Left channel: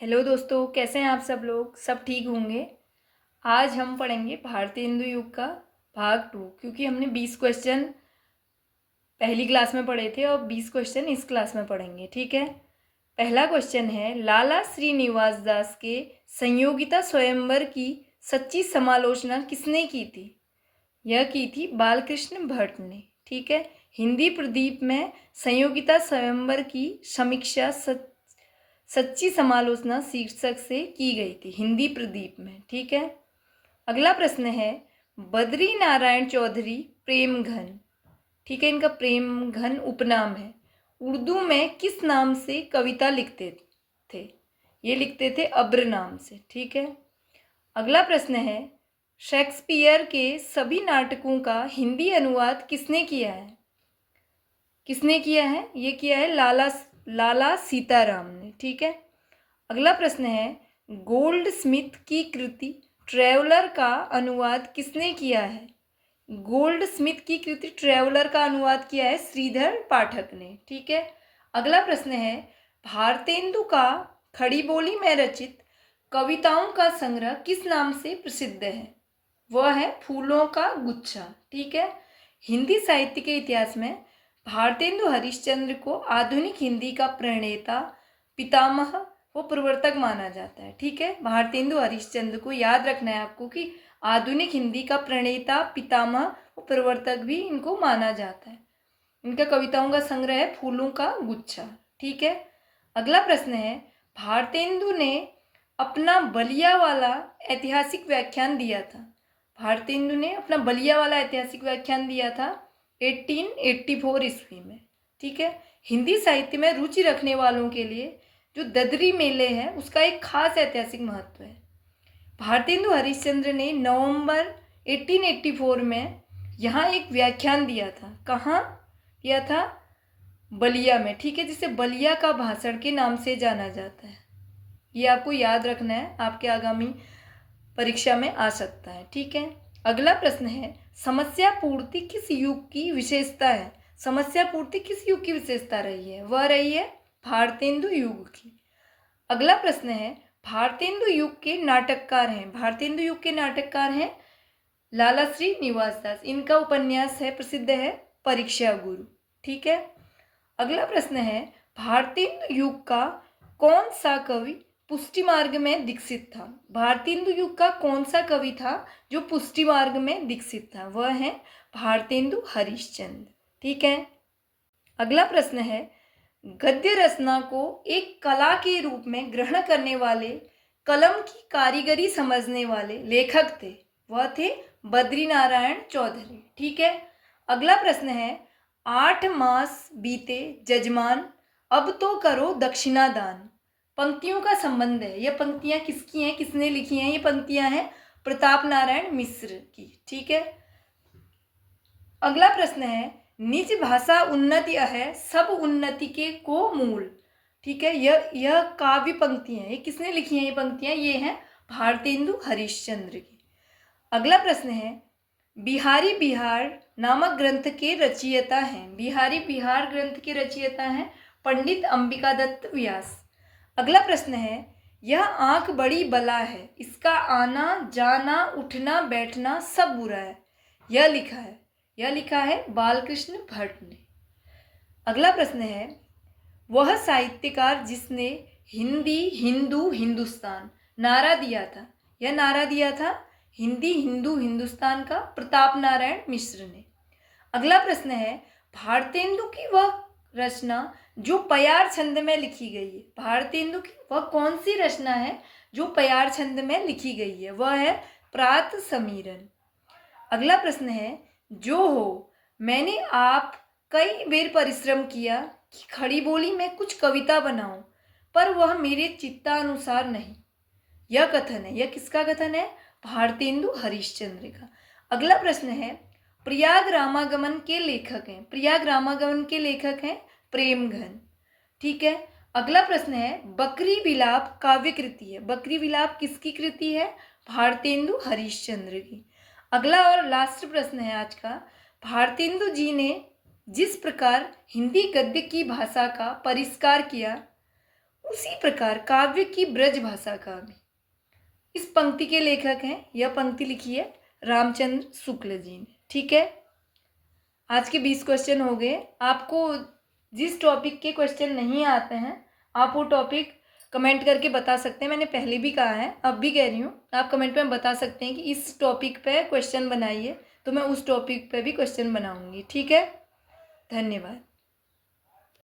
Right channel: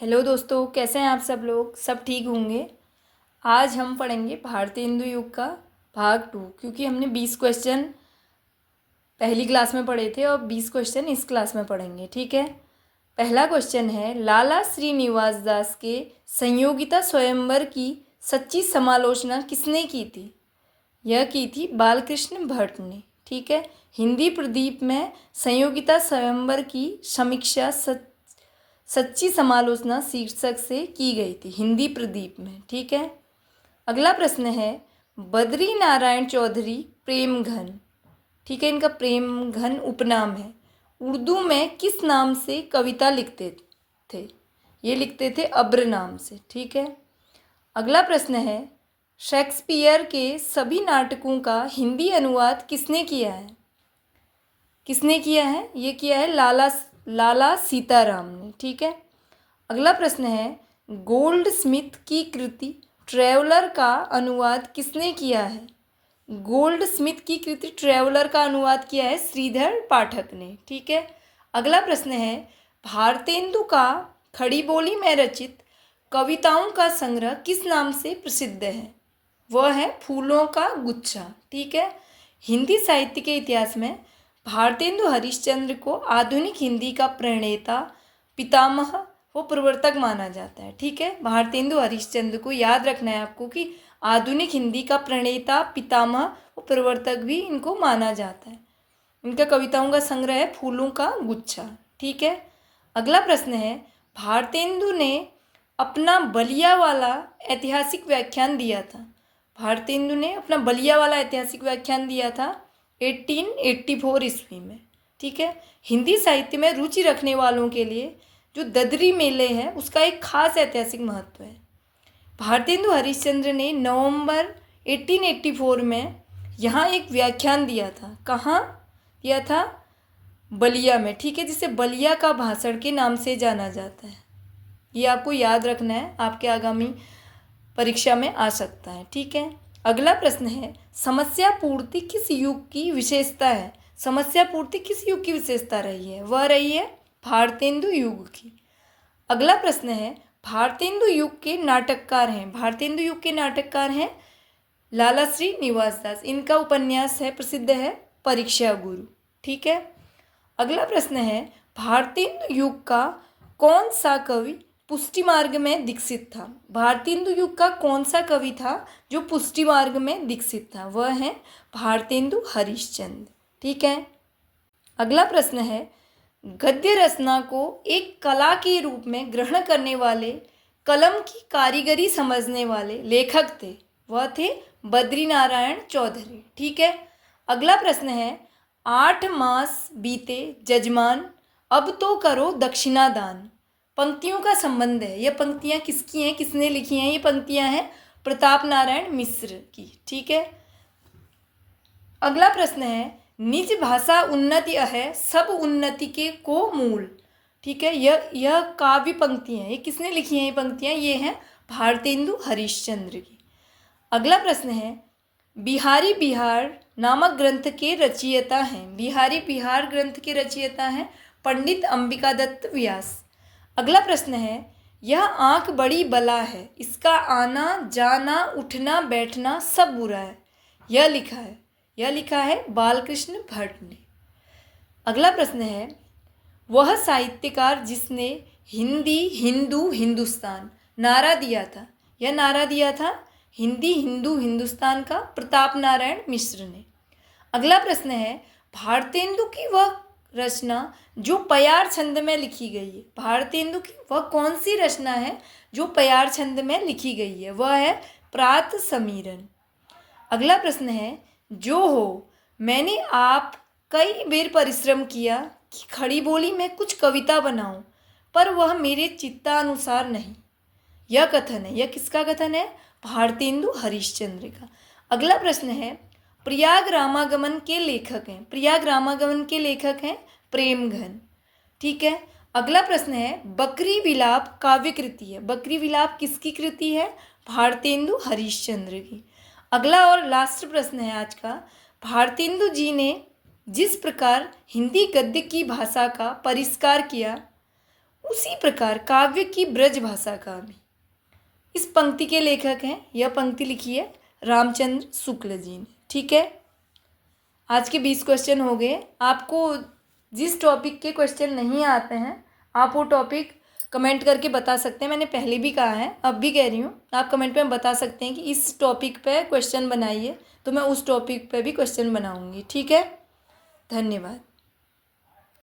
Hello दोस्तों, कैसे हैं आप सब लोग। सब ठीक होंगे। आज हम पढ़ेंगे भारतेंदु युग का भाग 2, क्योंकि हमने 20 क्वेश्चन पहली क्लास में पढ़े थे और 20 क्वेश्चन इस क्लास में पढ़ेंगे। ठीक है। पहला क्वेश्चन है, लाला श्रीनिवास दास के संयोगिता स्वयंवर की सच्ची समालोचना किसने की थी। यह की थी बालकृष्ण भट्ट ने। ठीक है। हिंदी प्रदीप में संयोगिता स्वयंवर की समीक्षा सच्ची समालोचना शीर्षक से की गई थी हिंदी प्रदीप में। ठीक है। अगला प्रश्न है, बद्री नारायण चौधरी प्रेम घन। ठीक है, इनका प्रेम घन उपनाम है। उर्दू में किस नाम से कविता लिखते थे। ये लिखते थे अब्र नाम से। ठीक है। अगला प्रश्न है, शेक्सपियर के सभी नाटकों का हिंदी अनुवाद किसने किया है। किसने किया है, ये किया है लाला लाला सीताराम ने। ठीक है। अगला प्रश्न है, गोल्ड स्मिथ की कृति ट्रैवलर का अनुवाद किसने किया है। गोल्ड स्मिथ की कृति ट्रैवलर का अनुवाद किया है श्रीधर पाठक ने। ठीक है। अगला प्रश्न है, भारतेंदु का खड़ी बोली में रचित कविताओं का संग्रह किस नाम से प्रसिद्ध है। वह है फूलों का गुच्छा। ठीक है। हिंदी साहित्य के इतिहास में भारतेंदु हरिश्चंद्र को आधुनिक हिंदी का प्रणेता, पितामह वो प्रवर्तक माना जाता है। ठीक है। भारतेंदु हरिश्चंद्र को याद रखना है आपको कि आधुनिक हिंदी का प्रणेता, पितामह वो प्रवर्तक भी इनको माना जाता है। इनका कविताओं का संग्रह है फूलों का गुच्छा। ठीक है। अगला प्रश्न है, भारतेंदु ने अपना बलिया वाला ऐतिहासिक व्याख्यान दिया था। भारतेंदु ने अपना बलिया वाला ऐतिहासिक व्याख्यान दिया था 1884 ईस्वी में। ठीक है। हिंदी साहित्य में रुचि रखने वालों के लिए जो ददरी मेले है उसका एक खास ऐतिहासिक महत्व है। भारतेंदु हरिश्चंद्र ने नवंबर 1884 में यहाँ एक व्याख्यान दिया था। कहाँ दिया था? बलिया में। ठीक है, जिसे बलिया का भाषण के नाम से जाना जाता है। ये आपको याद रखना है, आपके आगामी परीक्षा में आ सकता है। ठीक है। अगला प्रश्न है, समस्या पूर्ति किस युग की विशेषता है। समस्या पूर्ति किस युग की विशेषता रही है। वह रही है भारतेंदु युग की। अगला प्रश्न है, भारतेंदु युग के नाटककार हैं। भारतेंदु युग के नाटककार हैं लाला श्रीनिवास दास। इनका उपन्यास है, प्रसिद्ध है परीक्षा गुरु। ठीक है। अगला प्रश्न है, भारतेंदु युग का कौन सा कवि पुष्टि मार्ग में दीक्षित था। भारतेंदु युग का कौन सा कवि था जो पुष्टि मार्ग में दीक्षित था। वह है भारतेंदु हरिश्चंद्र। ठीक है। अगला प्रश्न है, गद्य रचना को एक कला के रूप में ग्रहण करने वाले, कलम की कारीगरी समझने वाले लेखक थे। वह थे बद्री नारायण चौधरी। ठीक है। अगला प्रश्न है, 8 मास बीते जजमान, अब तो करो दक्षिणा दान। पंक्तियों का संबंध है। ये पंक्तियां किसकी हैं, किसने लिखी हैं। ये पंक्तियां हैं प्रताप नारायण मिश्र की। ठीक है। अगला प्रश्न है, निज भाषा उन्नति है, सब उन्नति के को मूल। ठीक है। यह काव्य पंक्तियां हैं। ये किसने लिखी हैं ये पंक्तियां? ये हैं भारतेंदु हरिश्चंद्र की। अगला प्रश्न है, बिहारी बिहार नामक ग्रंथ के रचयिता हैं। बिहारी बिहार ग्रंथ के रचयिता हैं पंडित अंबिका दत्त व्यास। अगला प्रश्न है, यह आँख बड़ी बला है, इसका आना जाना उठना बैठना सब बुरा है। यह लिखा है बालकृष्ण भट्ट ने। अगला प्रश्न है, वह साहित्यकार जिसने हिंदी हिंदू हिंदुस्तान नारा दिया था। यह नारा दिया था हिंदी हिंदू हिंदुस्तान का प्रताप नारायण मिश्र ने। अगला प्रश्न है, भारतेंदु की वह रचना जो पयार छंद में लिखी गई है। भारतेंदु की वह कौन सी रचना है जो पयार छंद में लिखी गई है। वह है प्रात समीरन। अगला प्रश्न है, जो हो मैंने आप कई बेर परिश्रम किया कि खड़ी बोली में कुछ कविता बनाऊं, पर वह मेरे चित्तानुसार नहीं। यह कथन है। यह किसका कथन है? भारतेंदु हरिश्चंद्र का। अगला प्रश्न है, प्रयाग रामागमन के लेखक हैं। प्रयाग रामागमन के लेखक हैं प्रेम घन। ठीक है। अगला प्रश्न है, बकरी विलाप काव्य कृति है। बकरी विलाप किसकी कृति है? भारतेंदु हरिश्चंद्र की। अगला और लास्ट प्रश्न है आज का, भारतेंदु जी ने जिस प्रकार हिंदी गद्य की भाषा का परिष्कार किया उसी प्रकार काव्य की ब्रज भाषा का भी। इस पंक्ति के लेखक हैं, यह पंक्ति लिखी है रामचंद्र शुक्ल जी ने। ठीक है, आज के 20 क्वेश्चन हो गए। आपको जिस टॉपिक के क्वेश्चन नहीं आते हैं आप वो टॉपिक कमेंट करके बता सकते हैं। मैंने पहले भी कहा है, अब भी कह रही हूँ, आप कमेंट में बता सकते हैं कि इस टॉपिक पे क्वेश्चन बनाइए, तो मैं उस टॉपिक पे भी क्वेश्चन बनाऊँगी। ठीक है, धन्यवाद।